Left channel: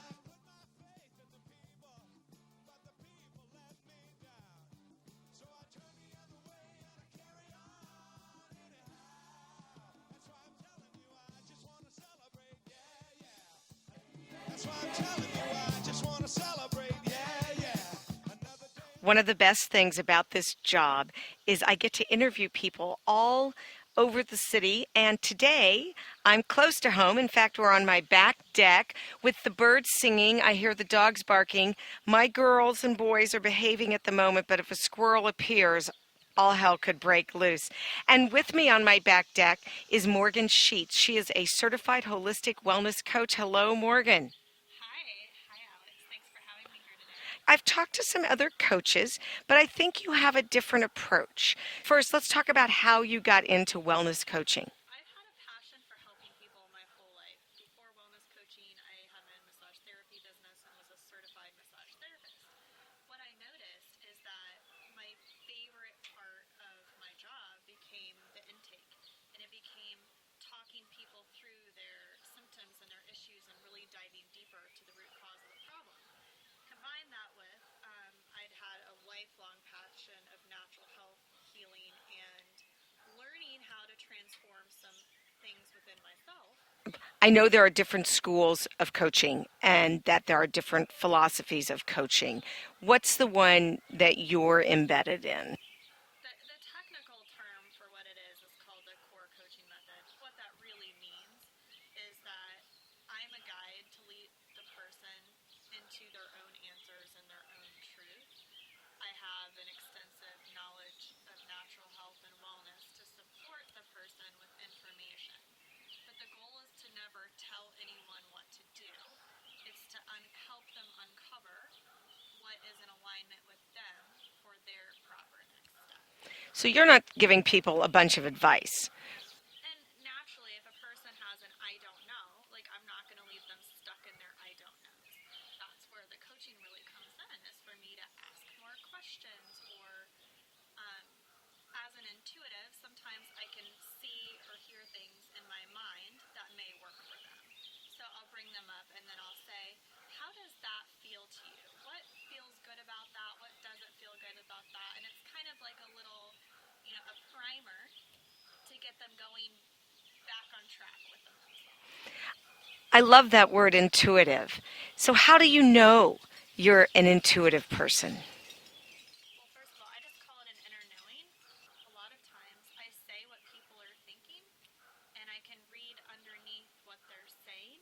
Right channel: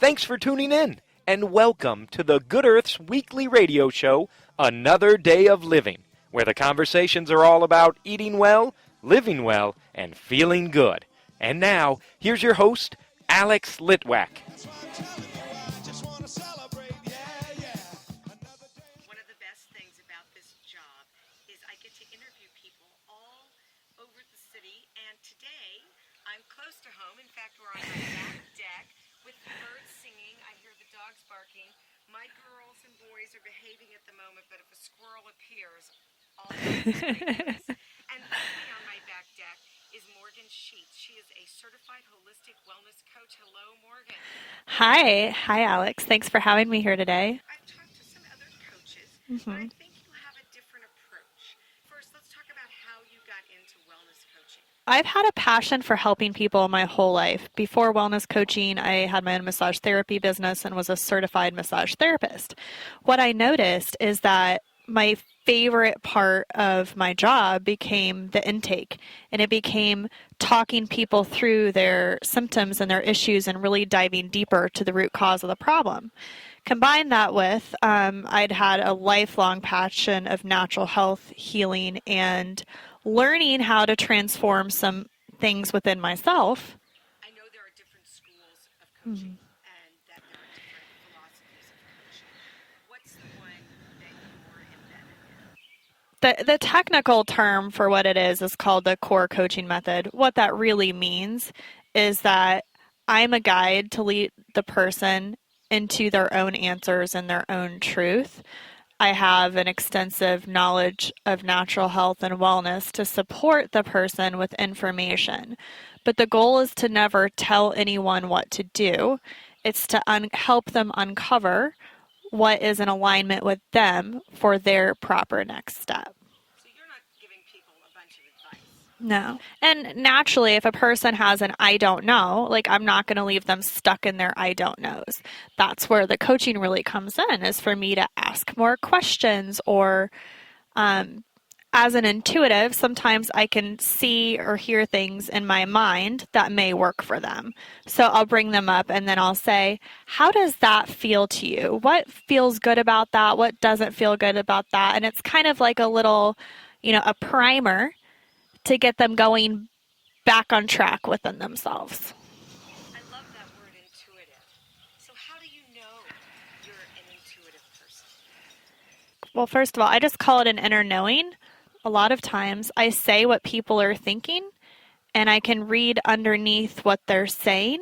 Thanks for tuning in, and welcome to the Good Earth's weekly radio show, Another Day of Living, where the conversations are all about eating well, living well, and feeling good. And now, here's your host, Alex Litwack. One of the best things about this job is I get to interview people all over the city, and today I'm close to home. In fact, we're on my back deck with the birds singing. I hear the dogs barking. My girls and boys are behaving at the moment, but if a squirrel appears, all hell could break loose. And with me on my back deck is Morgan Sheets. She is a certified holistic wellness coach. Hello, Morgan. Hi, Alex. Thanks for having me here today. I've talked to some other coaches, but I think you have a different approach. First, let's talk about how you got into wellness coaching. I've had a passion for helping people my whole life. Before wellness coaching, I had my own massage therapy business and was a certified massage therapist. What I noticed is that my favorite part of my job became the intake, and it became talking people through their symptoms and their issues and really diving deeper to the root cause of the problem. Combine that with I'd had a lifelong passion of natural health, healing, and learning how to transform some things within myself. I know there are different schools of coaching and that there are different philosophies of coaching. What's the one that you're embedded in? The technical term for what it is called the core coaching method. What that really means is that I'm a guide to lead the person into their own answers and their own truth. I have an extensive knowledge of natural health and wellness to support the person with information. But the goal is to never tell anyone what to do. It's to help them uncover what is in alignment with them for their proper next step. So you're not giving people a bunch of advice. No. And naturally, if a person has an I don't know, I'm not going to leave them stuck in their I don't knows. That's where the coaching really comes in, is for me to ask more questions, or as an intuitive, sometimes I can see or hear things in my mind that may work for them. So I'll bring them up and then I'll say, how does that feel to you? What feels good about that? What doesn't feel good about that? And it's kind of like a little, a primer to get them going back on track within themselves. I love that word, intuitive. So how do you know you're an intuitive person? Well, first of all, I just call it an inner knowing. A lot of times I say what people are thinking, and I can read underneath what they're saying.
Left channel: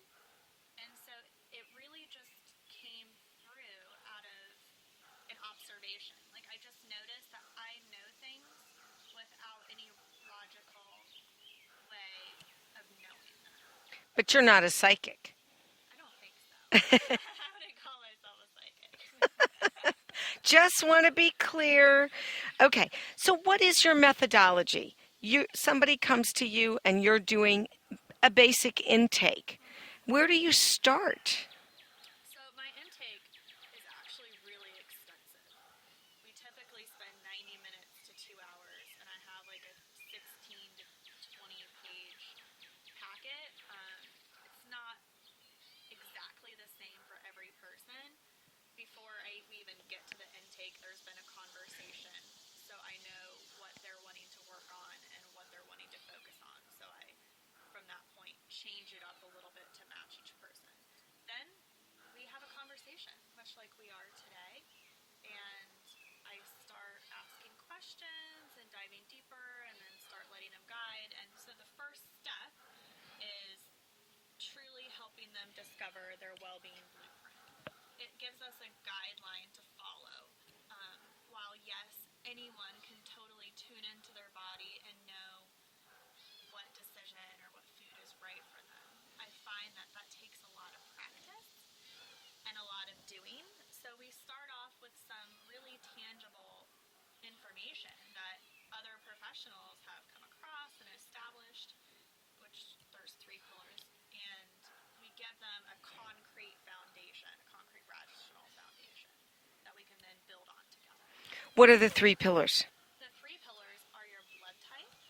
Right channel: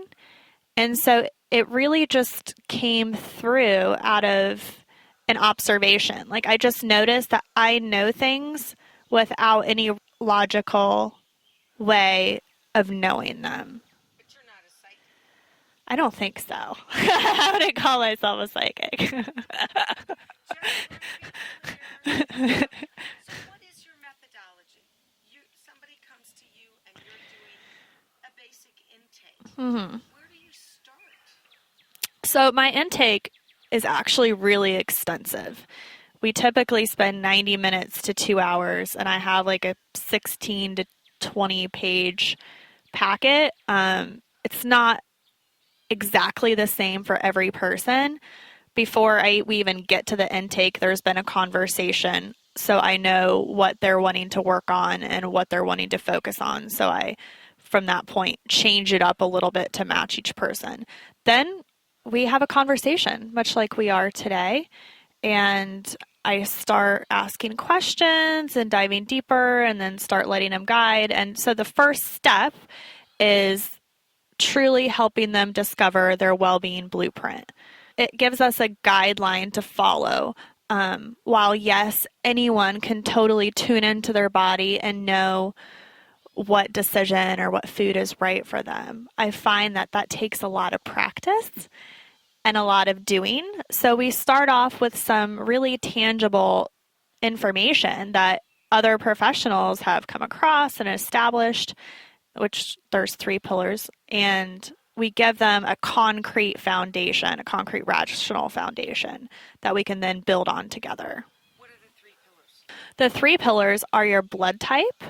And so it really just came through out of an observation. I just noticed that I know things without any logical way of knowing them. But you're not a psychic. I don't think so. I wouldn't call myself a psychic. Just want to be clear. Okay, so what is your methodology? Somebody comes to you and you're doing a basic intake. Where do you start? So my intake is actually really extensive. We typically spend 90 minutes to 2 hours, and I have a 16 to 20 page packet. It's not exactly the same for every person. Before we even get to the intake, there's been a conversation, so I know what they're wanting to work on and what they're wanting to focus on. So I, from that point, change it up a little bit to match each person. Then we have a conversation, much like we are today, and I start asking questions and diving deeper, and then start letting them guide. And so the first step is truly helping them discover their well-being blueprint. It gives us a guideline to follow. While yes, anyone can totally tune into their body and know what decision or what food is right for them, I find that takes a lot of practice and a lot of doing. So we start off with some really tangible information that other professionals have come across and established, which there's 3 pillars, and we give them a concrete foundation, a concrete rational foundation that we can then build on together. What are the 3 pillars? The 3 pillars are your blood type,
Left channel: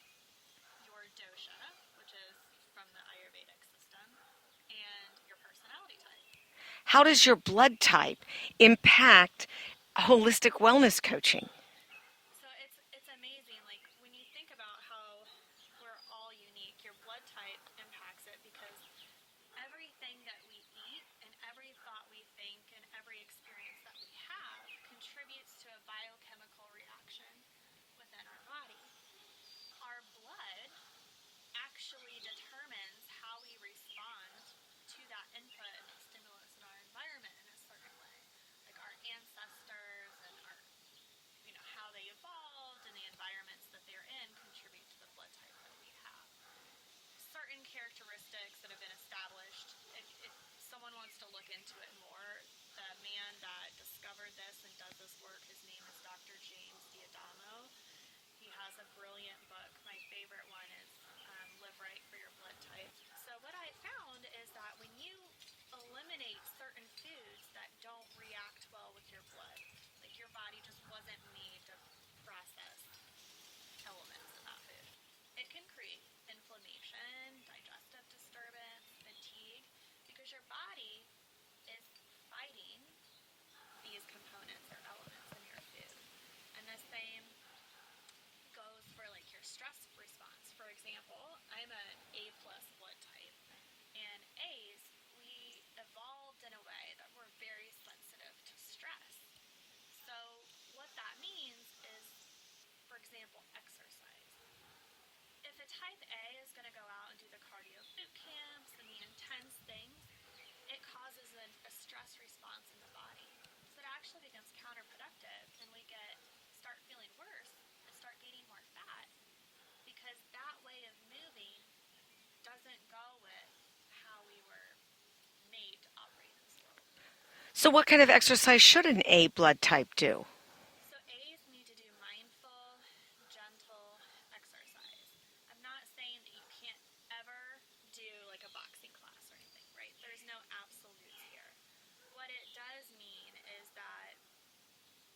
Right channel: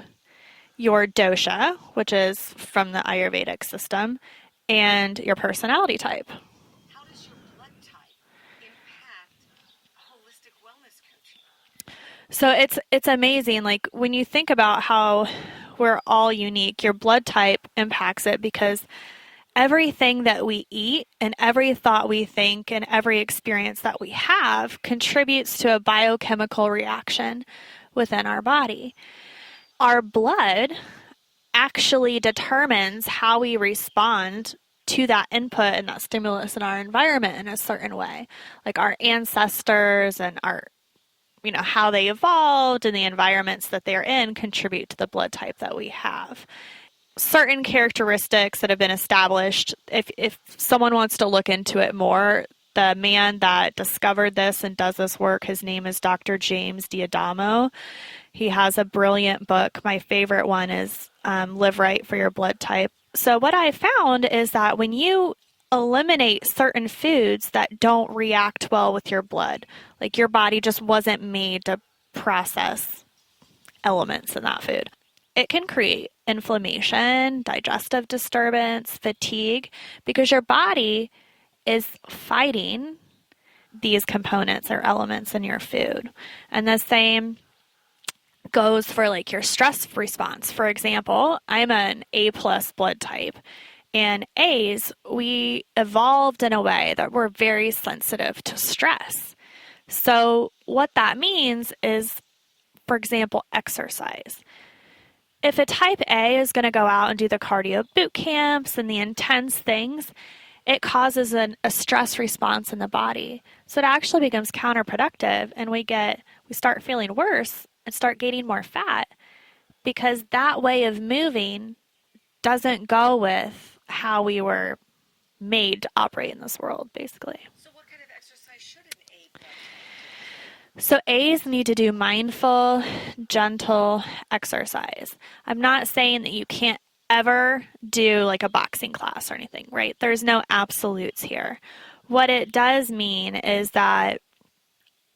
your dosha, which is from the Ayurvedic system, and your personality type. how does your blood type impact holistic wellness coaching? So it's amazing. Like when you think about how we're all unique, your blood type impacts it because everything that we eat and every thought we think and every experience that we have contributes to a biochemical reaction within our body. Our blood actually determines how we respond to that input and that stimulus in our environment in a certain way. Like our ancestors and our how they evolved and the environments that they're in contribute to the blood type that we have. Certain characteristics that have been established, if someone wants to look into it more, the man that discovered this and does this work, his name is Dr. James D'Adamo. He has a brilliant book. My favorite one is Live Right for Your Blood Type. So what I found is that when you eliminate certain foods that don't react well with your blood, like your body just wasn't made to process elements in that food, it can create inflammation, digestive disturbance, fatigue, because your body is fighting these components or elements in your food. And the same goes for like your stress response. For example, I'm an A+ blood type. And A's, we evolved in a way that we're very sensitive to stress. So what that means is, for example, exercise. If a type A is going to go out and do the cardio boot camps and the intense things, it causes a stress response in the body. So it actually becomes counterproductive, and we start feeling worse and start gaining more fat because that way of moving doesn't go with how we were made to operate in this world, basically. So what kind of exercise should an A blood type do? So A's need to do mindful, gentle exercise. I'm not saying that you can't ever do like a boxing class or anything, right? There's no absolutes here. What it does mean is that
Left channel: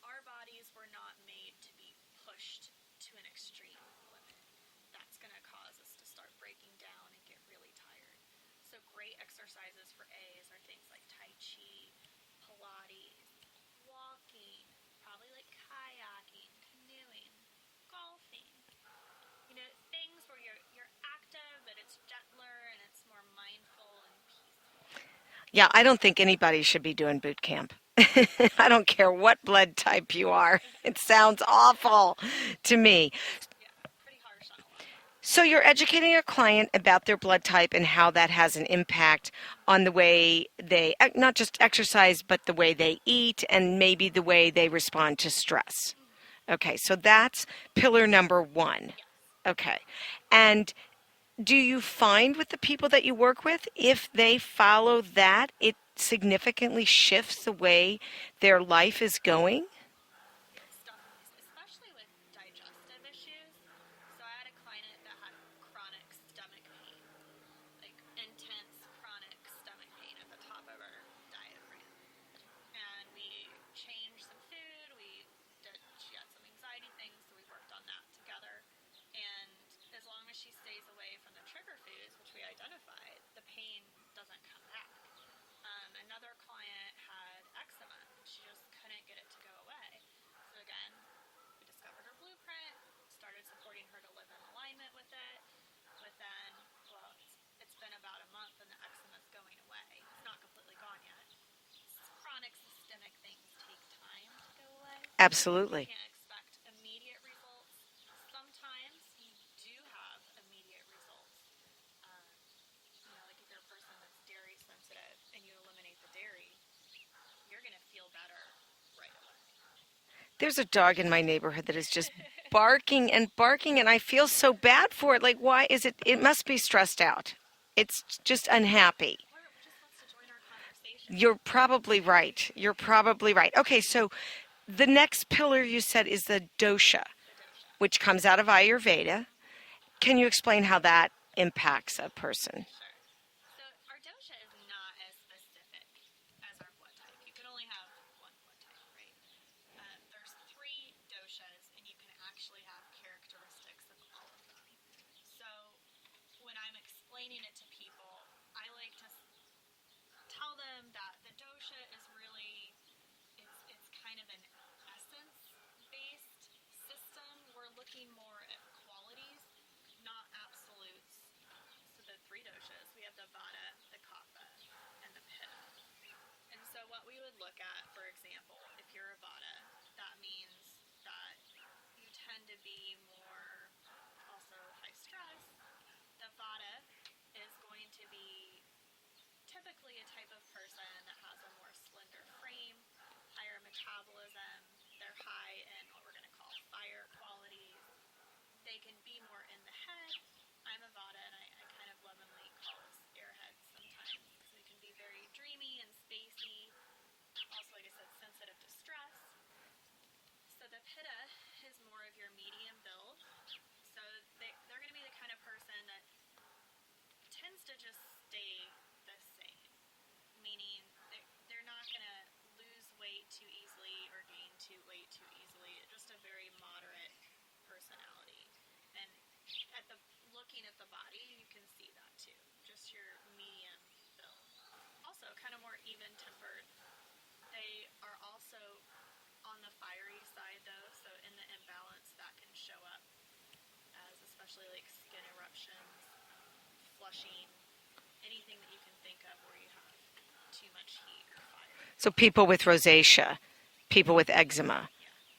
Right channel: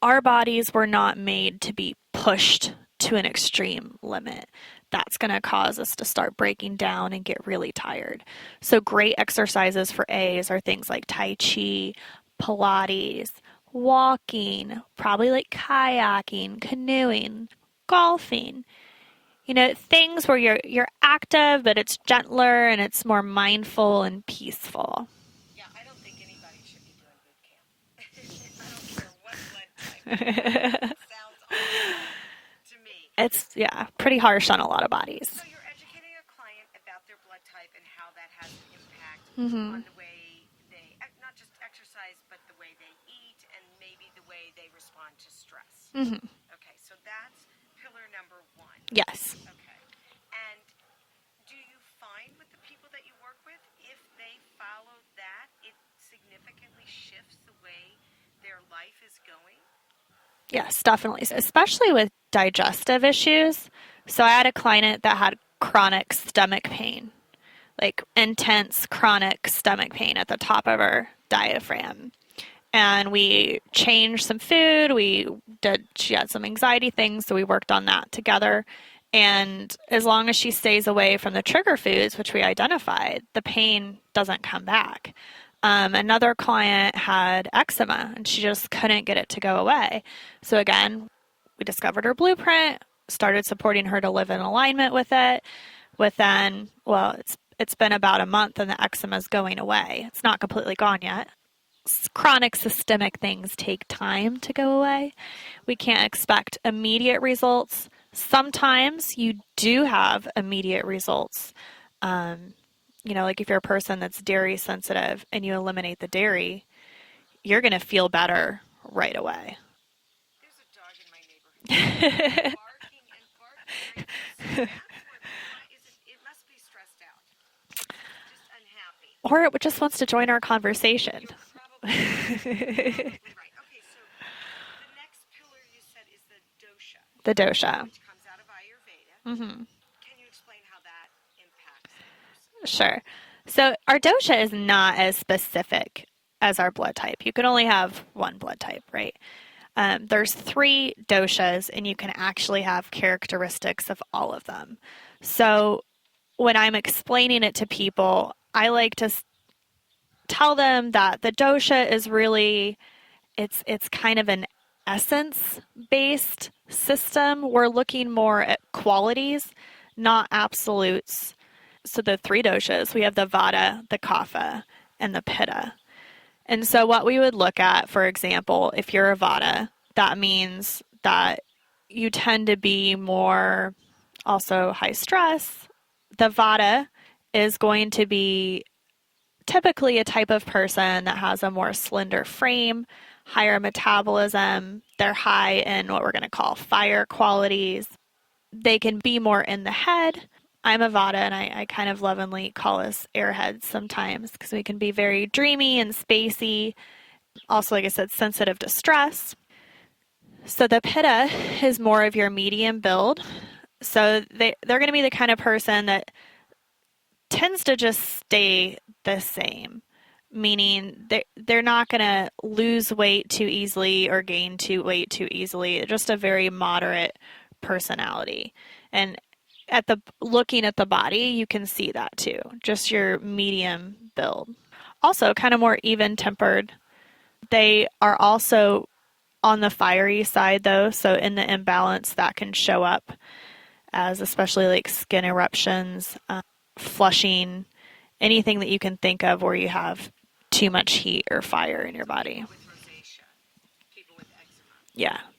our bodies were not made to be pushed to an extreme limit. That's going to cause us to start breaking down and get really tired. So great exercises for A's are things like Tai Chi, Pilates, walking, probably like kayaking, canoeing, golfing. Things where you're active, but it's gentler and it's more mindful and peaceful. Yeah, I don't think anybody should be doing boot camp. I don't care what blood type you are. It sounds awful to me. It's, pretty harsh on a lot of bodies. So you're educating your client about their blood type and how that has an impact on the way they, not just exercise, but the way they eat and maybe the way they respond to stress. Okay, so that's pillar number 1. Yes. Okay. And do you find with the people that you work with, if they follow that, it significantly shifts the way their life is going? Yes, definitely. Especially with digestive issues. So I had a client that had chronic stomach pain, like intense chronic stomach pain at the top of her diaphragm. And we changed some food. She had some anxiety things, so we worked on that together. And as long as she stays away from the trigger foods, which we identified, the pain doesn't come back. Another client had eczema, and she just couldn't get it to go away. So again, we discovered her blueprint, started supporting her to live in alignment with it. It's been about a month, and the eczema is going away. It's not completely gone yet. Chronic systemic things take time to go away. Absolutely. We can't expect immediate results. Sometimes you do have immediate results. Like if you're a person that's dairy sensitive and you eliminate the dairy, you're going to feel better right away. There's a dog in my neighborhood that's just barking, and I feel so bad for it. Like, why is it? It must be stressed out. It's just unhappy. Or it just wants to join our conversation. You're probably right. Okay, so the next pillar you said is the dosha. The dosha. Which comes out of Ayurveda. Can you explain how that impacts a person? Sure. So our dosha is not as specific as our blood type. You can only have one blood type, right? There's 3 doshas, and you can actually have characteristics of all of them. So when I'm explaining it to people, I like to tell them that the dosha is really, it's kind of an essence-based system. We're looking more at qualities, not absolutes. So the 3 doshas, we have the vata, the kapha, and the pitta. And so what we would look at, for example, if you're a vata, that means that you tend to be more also high stress. The vata is going to be typically a type of person that has a more slender frame, higher metabolism. They're high in what we're going to call fire qualities. They can be more in the head. I'm a vata, and I kind of lovingly call us airheads sometimes because we can be very dreamy and spacey. Also, like I said, sensitive to stress. So the pitta is more of your medium build. So they're going to be the kind of person that tends to just stay the same, meaning they're not going to lose weight too easily or gain weight too easily. They're just a very moderate personality. And looking at the body, you can see that too, just your medium build. Also kind of more even-tempered. They are also on the fiery side though, so in the imbalance that can show up as especially like skin eruptions, flushing, anything that you can think of where you have too much heat or fire in your body. So people with rosacea, people with eczema,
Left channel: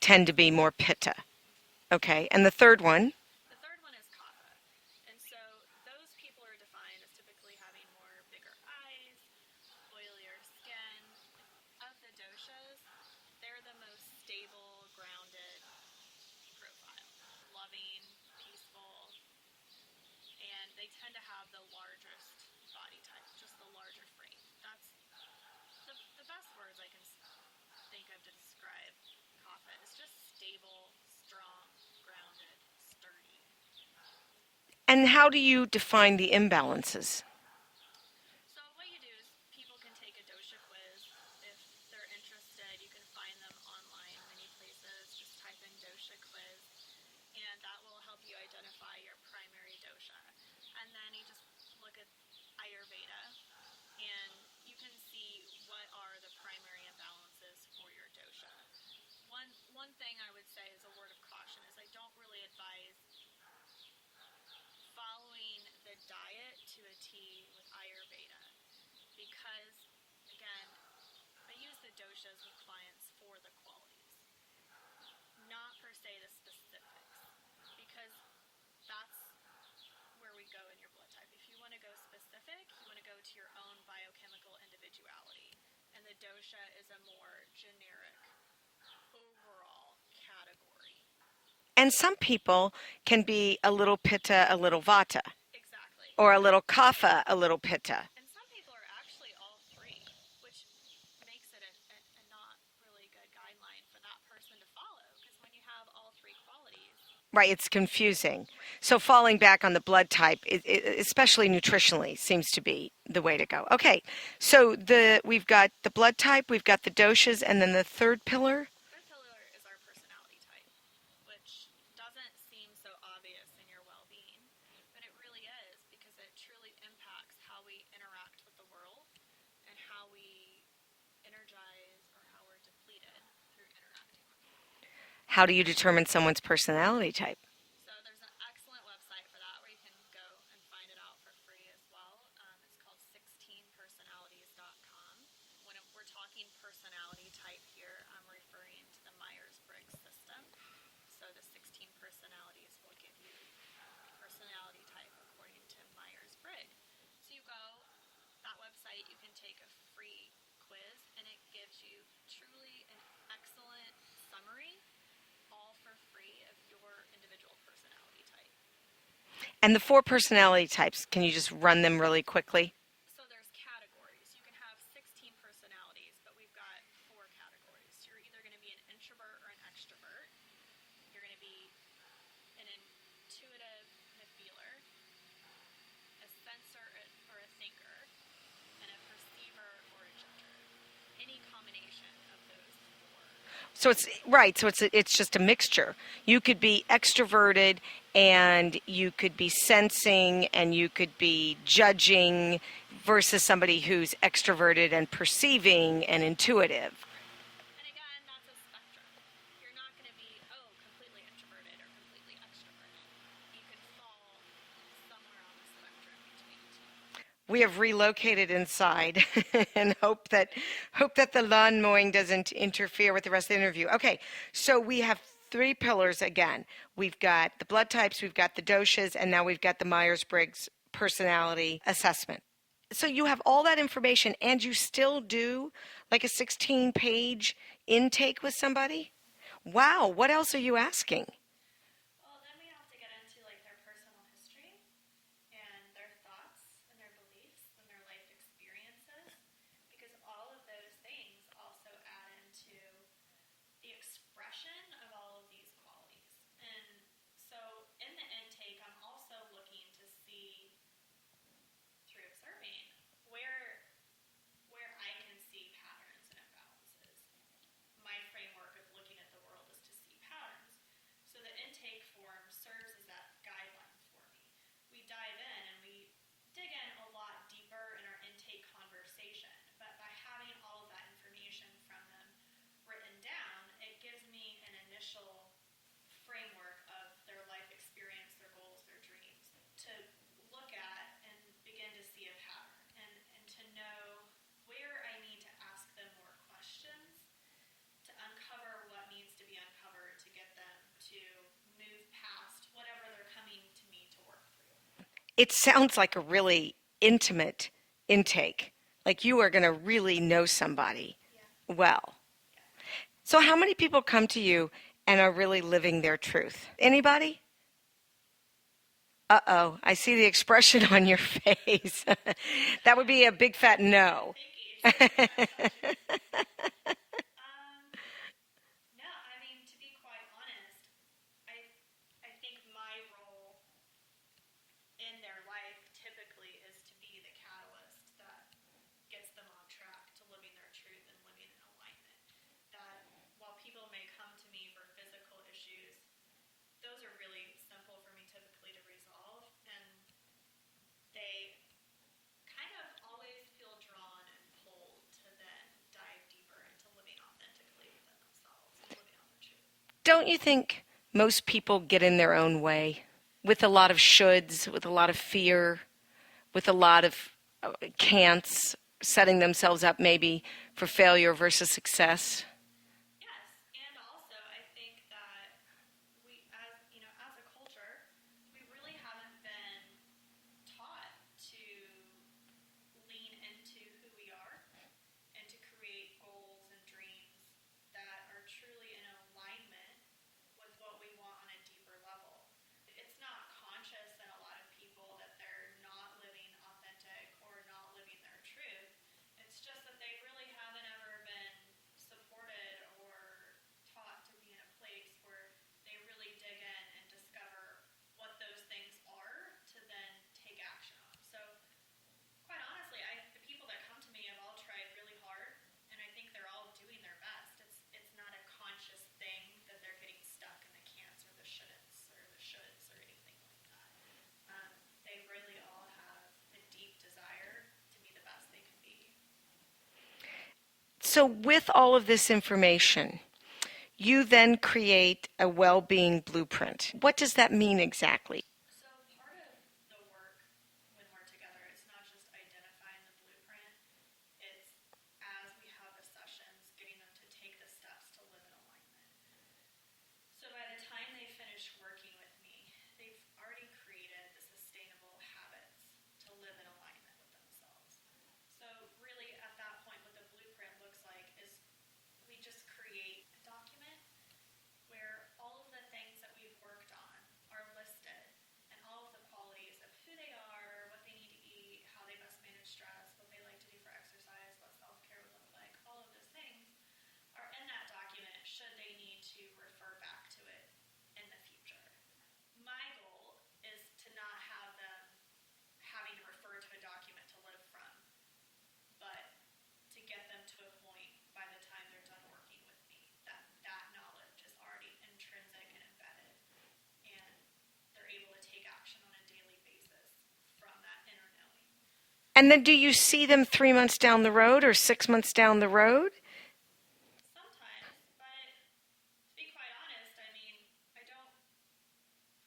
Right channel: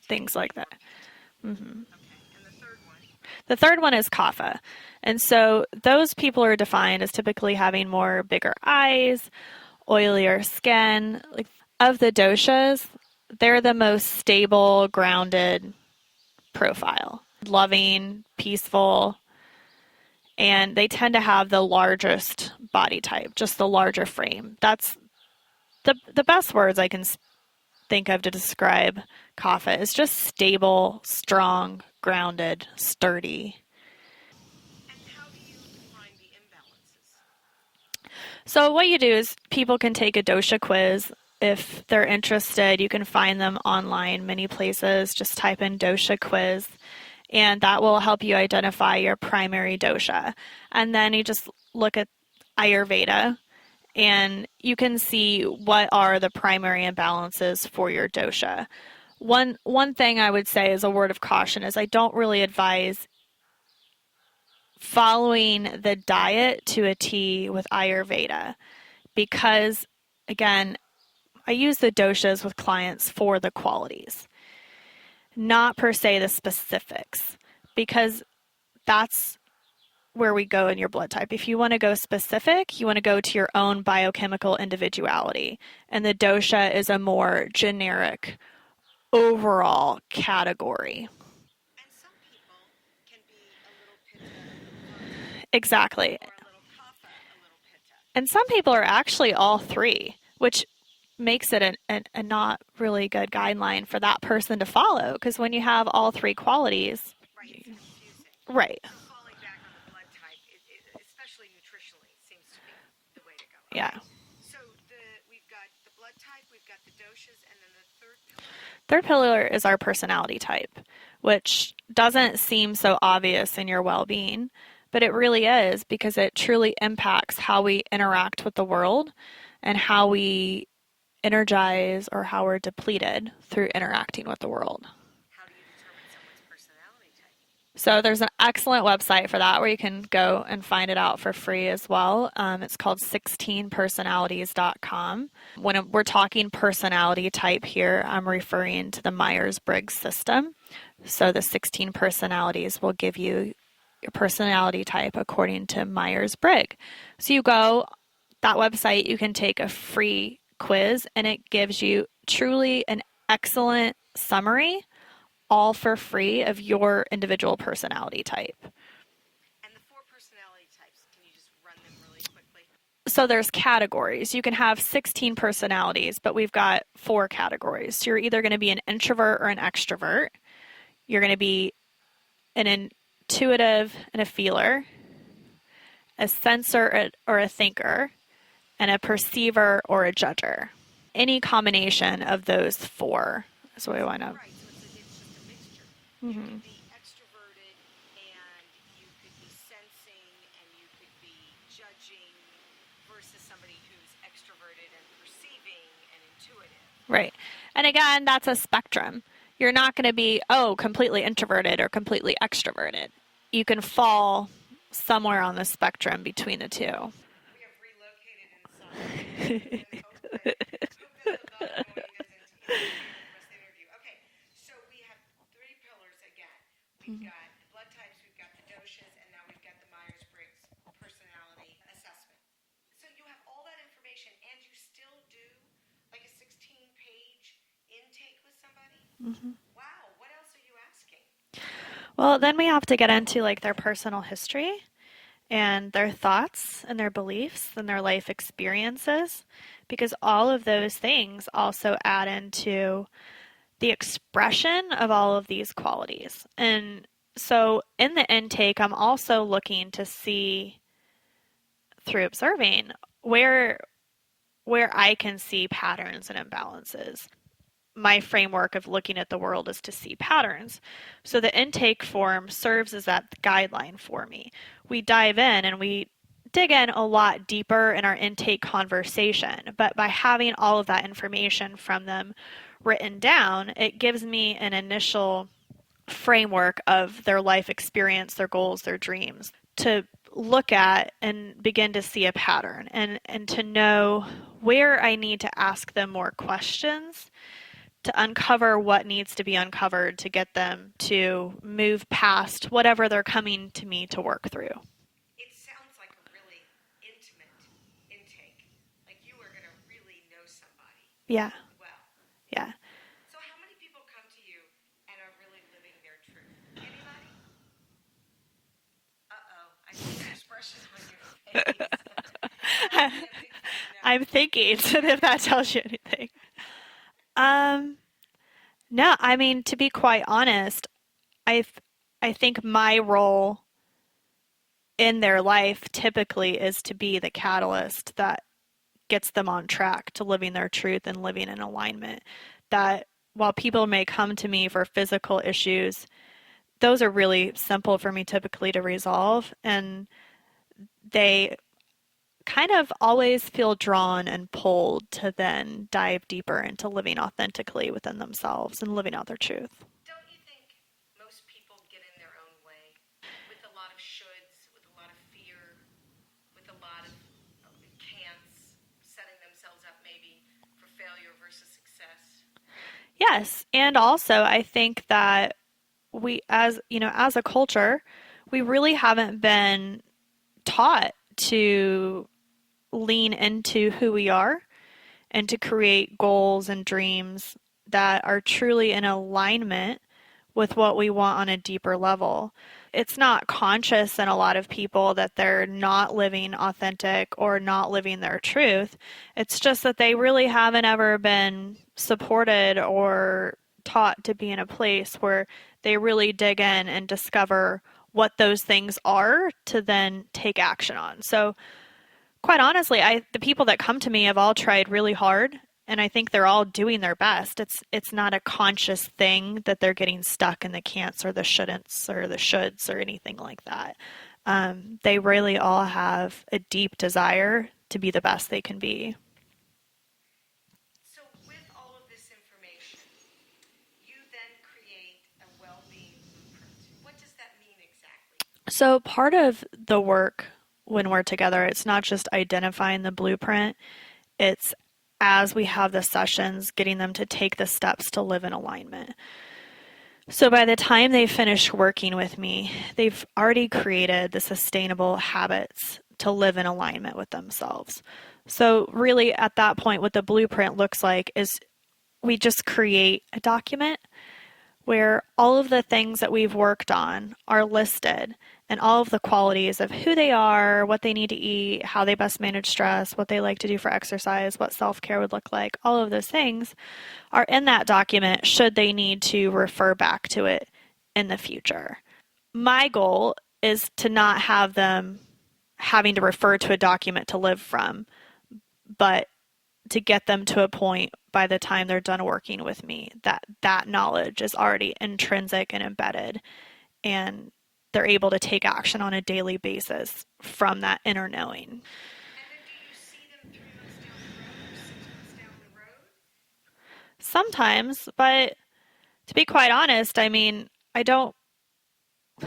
tend to be more pitta. Mm-hmm. Okay, and the third one? The third one is kapha. And so those people are defined as typically having more bigger eyes, oilier skin. Like, of the doshas, they're the most stable, grounded profile. Loving, peaceful, and they tend to have the largest body type, just the larger frame. That's the best words I can think of to describe kapha is just stable, strong, grounded, sturdy. And how do you define the imbalances? So what you do is people can take a dosha quiz. If they're interested, you can find them online many places. Just type in dosha quiz, and that will help you identify your primary dosha. And then you just look at Ayurveda, and you can see what are the primary imbalances for your dosha. One thing I would say as a word of caution is I don't really advise following the diet to a T with Ayurveda because, again, I use the doshas with clients for the qualities, not per se the specifics, because that's where we go in your blood type. If you want to go specific, you want to go to your own biochemical individuality, and the dosha is a more generic overall category. And some people can be a little pitta, a little vata. Exactly. Or a little kapha, a little pitta. And some people are actually all 3, which makes it a not really good guideline for that person to follow, because when you have all 3 qualities... Right, it's confusing. Right. So falling back on the blood type, especially nutritionally, seems to be the way to go. Okay, so we've got the blood type, we've got the doshas, and then the third pillar? Third pillar is our personality type, which doesn't seem so obvious in your well-being, but it really is because it truly impacts how we interact with the world and how we energize or how we're depleted through interacting with the world. How do you determine someone's personality type? So there's an excellent website for that where you can go and find it out for free as well. It's called 16personalities.com. When we're talking personality type here, I'm referring to the Myers-Briggs system. So the 16 personalities will give you your personality type according to Myers-Briggs. So you go, that website, you can take a free quiz, and it gives you truly an excellent summary, all for free, of your individual personality type. And the 4 personality types, can you just run them really quickly? So there's categories. You can have 16 personalities, but we've got 4 categories. So you're either going to be an introvert or an extrovert. You're going to be an intuitive and a feeler, a sensor or a thinker, and a perceiver or a judger. Any combination of those 4. So it's right. So it's just a mixture. Mm-hmm. You could be extroverted, and you could be sensing, and you could be judging. versus somebody who's extroverted and perceiving and intuitive. Right. And again, that's a spectrum. You're not going to be, completely introverted or completely extroverted. You can fall somewhere on the spectrum between the two. We have relocated inside and hope that the lawn mowing doesn't interfere with the rest of the interview. Okay, so we have 3 pillars again. We've got the blood types, we've got the doshas, and now we've got the Myers-Briggs personality assessment. So you have all that information, and you still do like a 16-page intake with somebody? Mm-hmm. Wow, what else are you asking? Well, then we have to get into like their personal history and their thoughts and their beliefs and their life experiences, because all of those things also add into the expression of all of these qualities. And so in the intake, I'm also looking to see through observing where I can see patterns and imbalances. My framework of looking at the world is to see patterns. So the intake form serves as that guideline for me. We dive in and we dig in a lot deeper in our intake conversation, but by having all of that information from them written down, it gives me an initial framework of their life experience, their goals, their dreams, to look at and begin to see a pattern and to know where I need to ask them more questions to uncover what needs to be uncovered to get them to move past whatever they're coming to me to work through. It sounds like a really intimate intake. Like you are going to really know somebody. Yeah. Well. Yeah. So how many people come to you and are really living their truth? Anybody? Uh-oh, I see the expression on your face. That would be a big fat no. I'm thinking, if that tells you anything. No, I mean, to be quite honest, I think my role in their life typically is to be the catalyst that gets them on track to living their truth and living in alignment. That while people may come to me for physical issues, those are really simple for me typically to resolve, and they kind of always feel drawn and pulled to then dive deeper into living authentically within themselves and living out their truth. Don't you think most people get in their own way with a lot of shoulds, with a lot of fear, with a lot of can'ts, setting themselves up maybe for failure versus success? Yes, and also I think that we, as a culture, we really haven't been taught to lean into who we are and to create goals and dreams that are truly in alignment with what we want on a deeper level. It's not conscious in a lot of people that they're not living authentic or not living their truth. It's just that they really haven't ever been supported or taught to be in a place where they really dig in and discover what those things are to then take action on. So quite honestly, the people that come to me have all tried really hard, and I think they're all doing their best. It's not a conscious thing that they're getting stuck in the can'ts or the shouldn'ts or the shoulds or anything like that. They really all have a deep desire to be the best they can be. So with all of this information, you then create a well-being blueprint. What does that mean exactly? So part of the work when we're together, it's not just identifying the blueprint, it's as we have the sessions, getting them to take the steps to live in alignment. So by the time they finish working with me, they've already created the sustainable habits to live in alignment with themselves. So really at that point, what the blueprint looks like is we just create a document where all of the things that we've worked on are listed, and all of the qualities of who they are, what they need to eat, how they best manage stress, what they like to do for exercise, what self-care would look like, all of those things are in that document should they need to refer back to it in the future. My goal is to not have them having to refer to a document to live from, but to get them to a point by the time they're done working with me that knowledge is already intrinsic and embedded, and they're able to take action on a daily basis from that inner knowing. And then do you see them 3 months down the road or 6 months down the road? Sometimes, but to be quite honest, I mean, I don't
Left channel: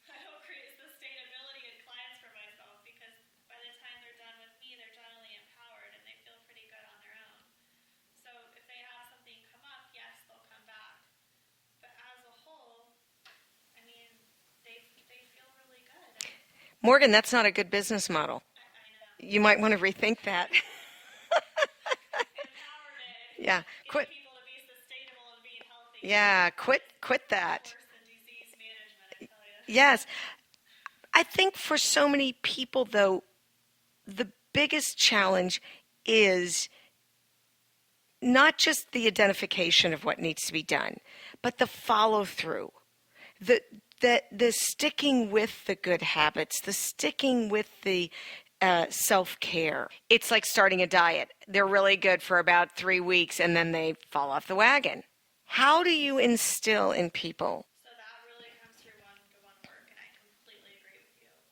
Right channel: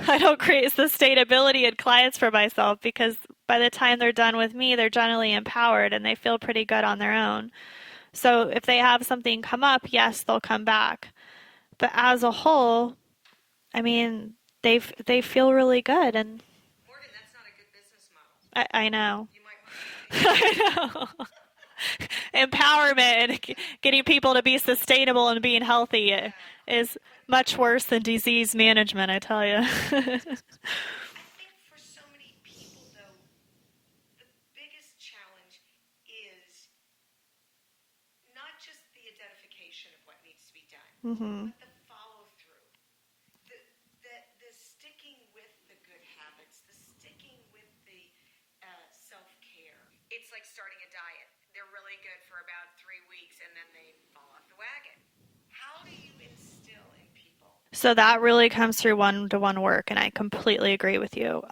I don't create sustainability in clients for myself because by the time they're done with me, they're generally empowered and they feel pretty good on their own. So if they have something come up, yes, they'll come back. But as a whole, I mean, they feel really good, and Morgan, that's not a good business model. I know. You might want to rethink that. I know. Empowerment and Yeah. getting people to be sustainable and being healthy Yeah, is quit much that. worse than disease management, I tell you. Yes. I think for so many people, though, the biggest challenge is not just the identification of what needs to be done, but the follow through, the sticking with the good habits, the sticking with the self-care. It's like starting a diet. They're really good for about 3 weeks and then they fall off the wagon. How do you instill in people? So that really comes through one-to-one work, and I completely agree with you.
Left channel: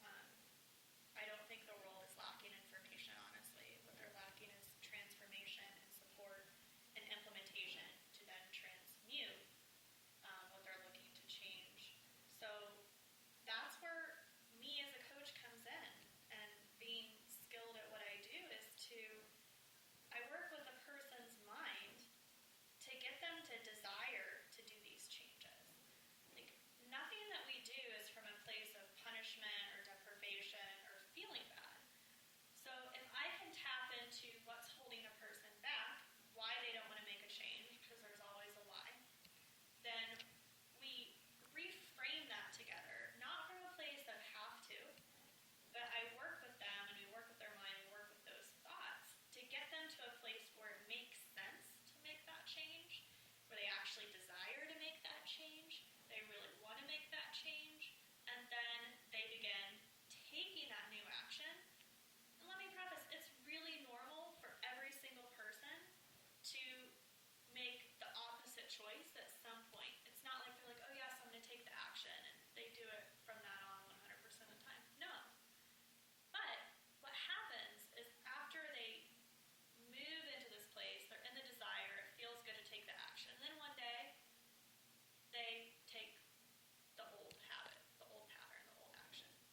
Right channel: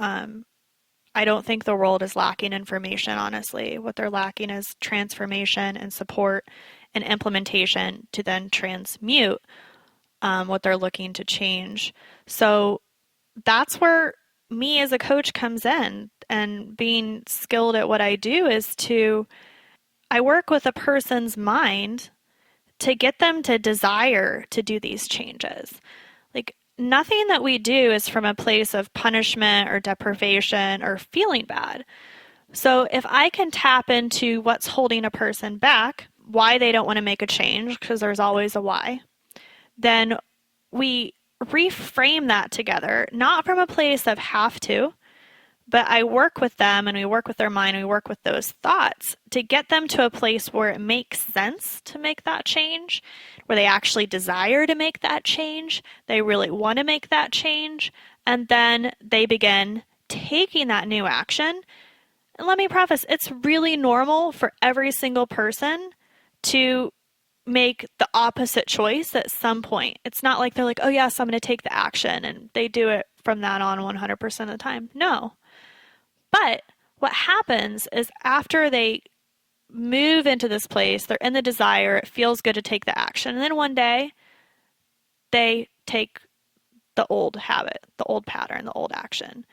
I don't think the world is lacking information, honestly. What they're lacking is transformation and support and implementation to then transmute what they're looking to change. So that's where me as a coach comes in, and being skilled at what I do is I work with a person's mind to get them to desire to do these changes. Like, nothing that we do is from a place of punishment or deprivation or feeling bad. So if I can tap into what's holding a person back, why they don't want to make a change, because there's always a why, then we reframe that together, not from a place of have to, but I work with them and we work with their mind, we work with those thoughts to get them to a place where it makes sense to make that change, where they actually desire to make that change, they really want to make that change, and then they begin taking that new action. And let me preface, it's really normal for every single person to make the opposite choice at some point. It's not like they're like, oh yes, I'm going to take the action, and they do it from that on 100% of the time. No. But what happens is after they move into this place, they're in the desire, it feels good to take the action, and then one day they take the old habit, the old pattern, the old action.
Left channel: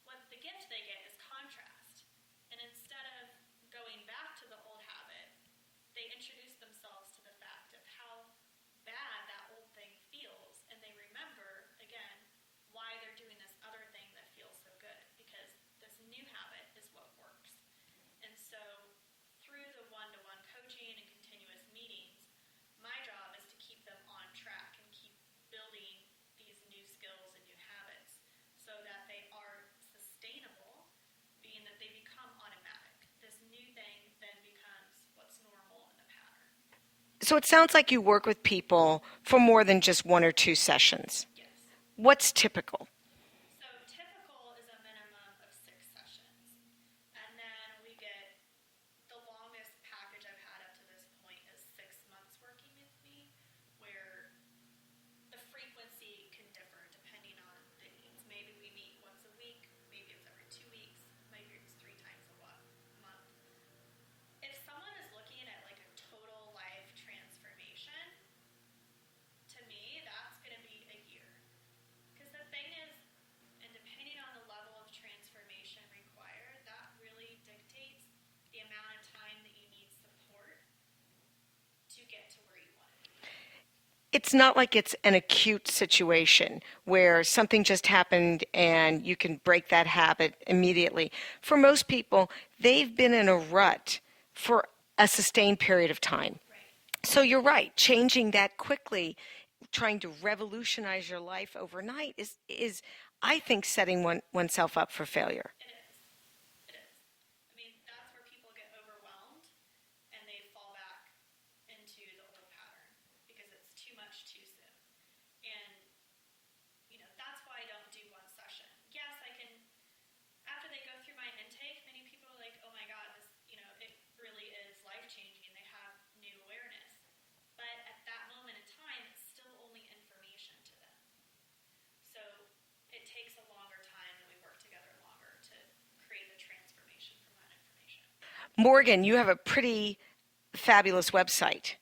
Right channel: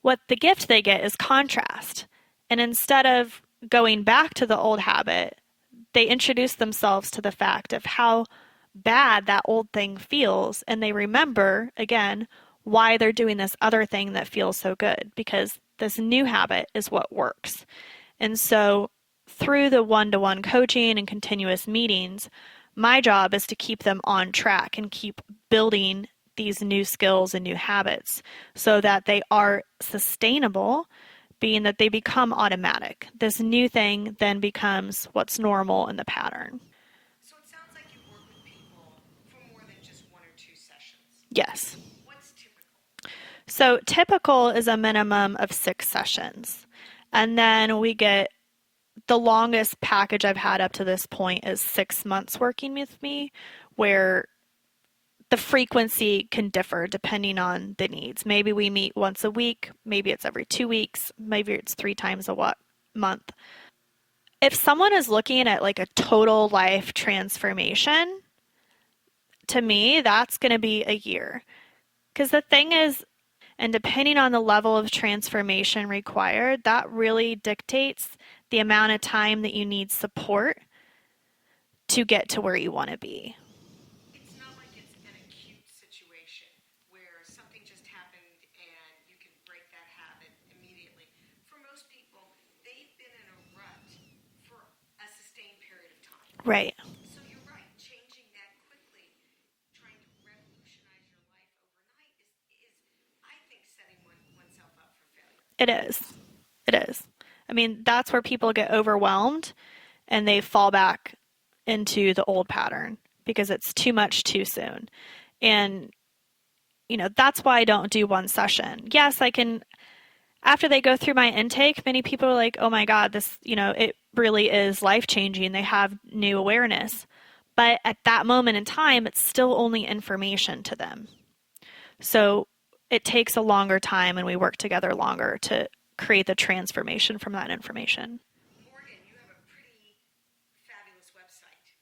What the gift they get is contrast. And instead of going back to the old habit, they introduce themselves to the fact of how bad that old thing feels, and they remember, again, why they're doing this other thing that feels so good, because this new habit is what works. And so through the one-to-one coaching and continuous meetings, my job is to keep them on track and keep building these new skills and new habits so that they are sustainable, being that they become automatic. This new thing then becomes what's normal in the pattern. So it sounds like you work with people for more than just 1 or 2 sessions. Yes. What's typical? So typical is a minimum of 6 sessions. And then we get the longest package I've had up to this point is 6 months working with me, where the frequency can differ depending on the needs. Maybe we meet once a week, maybe it's every 2 weeks, maybe it's 3 times a month. If someone is looking at like a total life transformation, to me, that's going to be a year. Because the thing is, and depending on the level of transformation required, that really dictates the amount of time that you need support to get to where you want to be. It's not like it's an acute situation where something just happened and you can break that habit immediately. For most people, they've been in a rut for a sustained period of time. Right. So you're right. Changing that quickly, trying to revolutionize your life overnight is I think, setting oneself up for failure. It is. It is. I mean, that's where people get overwhelmed and they fall back into the old pattern because it's too much too soon. And, that's why I don't do one session. Yes, I can, after they go through my intake, many people are like, oh my God, this, it really is life-changing. They have new awareness. But at that moment in time, it's still only information to them. So it takes a longer time and we work together longer to create the transformation from that information. Morgan, you have a pretty fabulous website,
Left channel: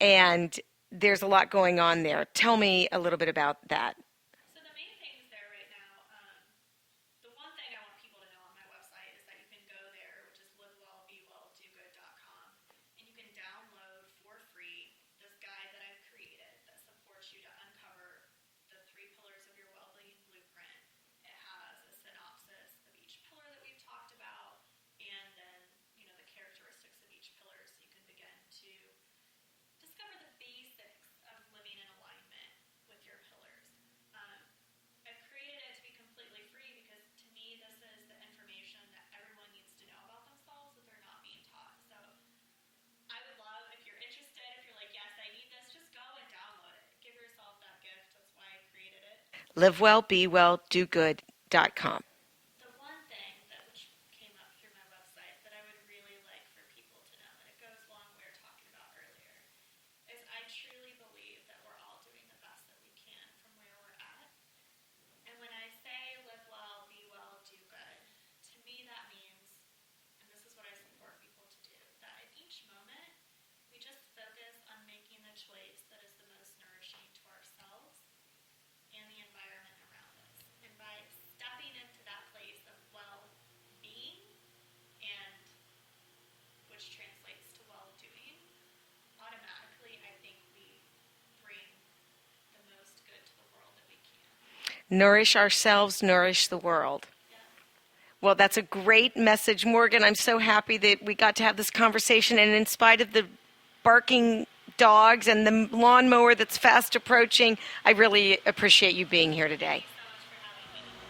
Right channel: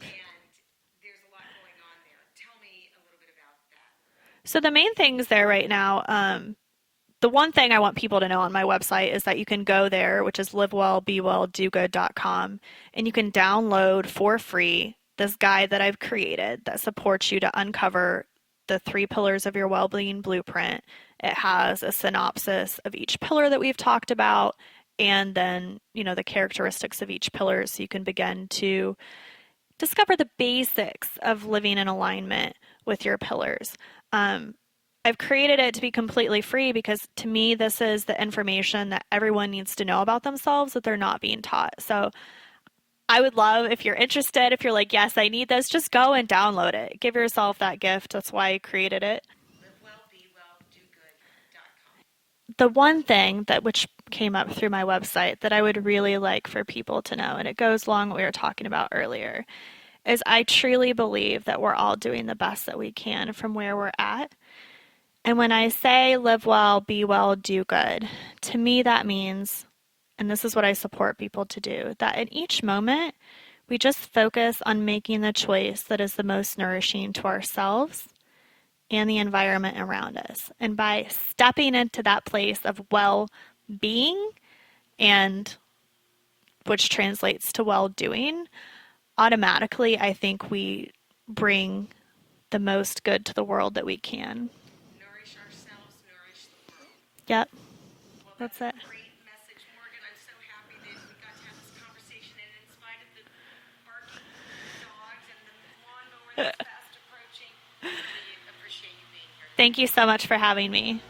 and there's a lot going on there. Tell me a little bit about that. So the main things there right now, the one thing I want people to know on my website is that you can go there, which is livewellbewelldogood.com, and you can download for free this guide that I've created that supports you to uncover the 3 pillars of your well-being blueprint. It has a synopsis of each pillar that we've talked about, and then, the characteristics of each pillar, so you can begin to discover the basics of living in alignment with your pillars. I've created it to be completely free because, to me, this is the information that everyone needs to know about themselves that they're not being taught. So I would love, if you're interested, if you're like, yes, I need this, just go and download it. Give yourself that gift. That's why I created it. livewellbewelldogood.com. The one thing which came up through my website that I would really like for people to know, and it goes along what we were talking about earlier, is I truly believe that we're all doing the best that we can from where we're at. And when I say live well, be well, do good, to me that means, and this is what I support people to do, that in each moment, we just focus on making the choice that is the most nourishing to ourselves and the environment around us. And by stepping into that place of well-being, and which translates to well-doing, automatically I think we bring the most good to the world that we can. Nourish ourselves, nourish the world. Yep. Well, that's a great message, Morgan. I'm so happy that we got to have this conversation, and in spite of the barking dogs and the lawnmower that's fast approaching, I really appreciate you being here today. Thank you so much for having me.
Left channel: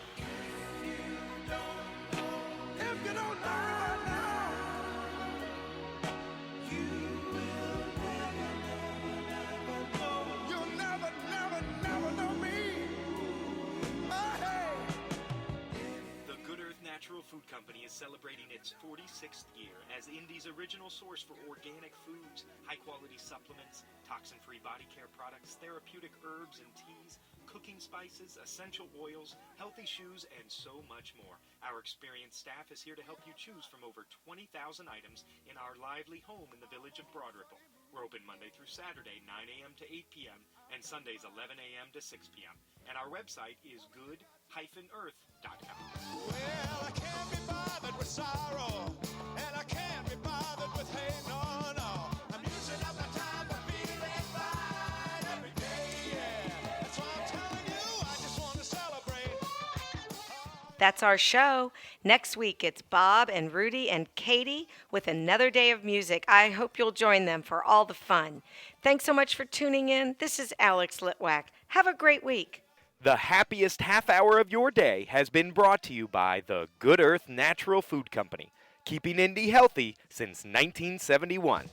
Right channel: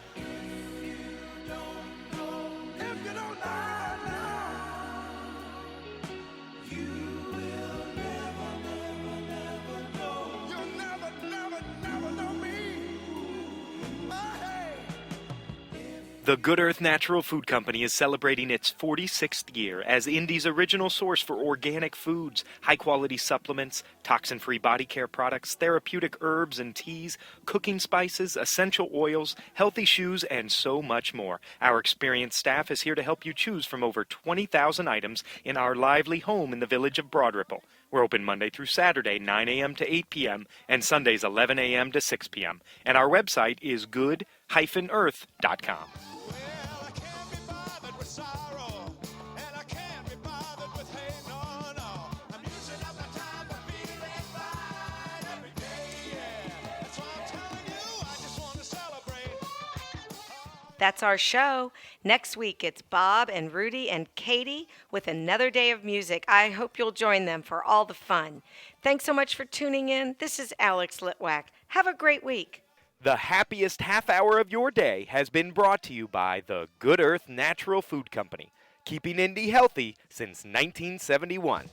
The Good Earth Natural Food Company is celebrating its 46th year as Indy's original source for organic foods, high-quality supplements, toxin-free body care products, therapeutic herbs and teas, cooking spices, essential oils, healthy shoes, and so much more. Our experienced staff is here to help you choose from over 20,000 items in our lively home in the village of Broad Ripple. We're open Monday through Saturday, 9 a.m. to 8 p.m., and Sundays, 11 a.m. to 6 p.m. And our website is good-earth.com. Well, I can't be bothered with sorrow, and I can't be bothered with hate, no, no. I'm using up my time for feeling fine every day, yeah. That's why I'm telling you, I just want to celebrate. That's our show. Next week, it's Bob and Rudy and Katie with another day of music. I hope you'll join them for all the fun. Thanks so much for tuning in. This is Alex Litwack. Have a great week. The happiest half hour of your day has been brought to you by the Good Earth Natural Food Company, keeping Indy healthy since 1971.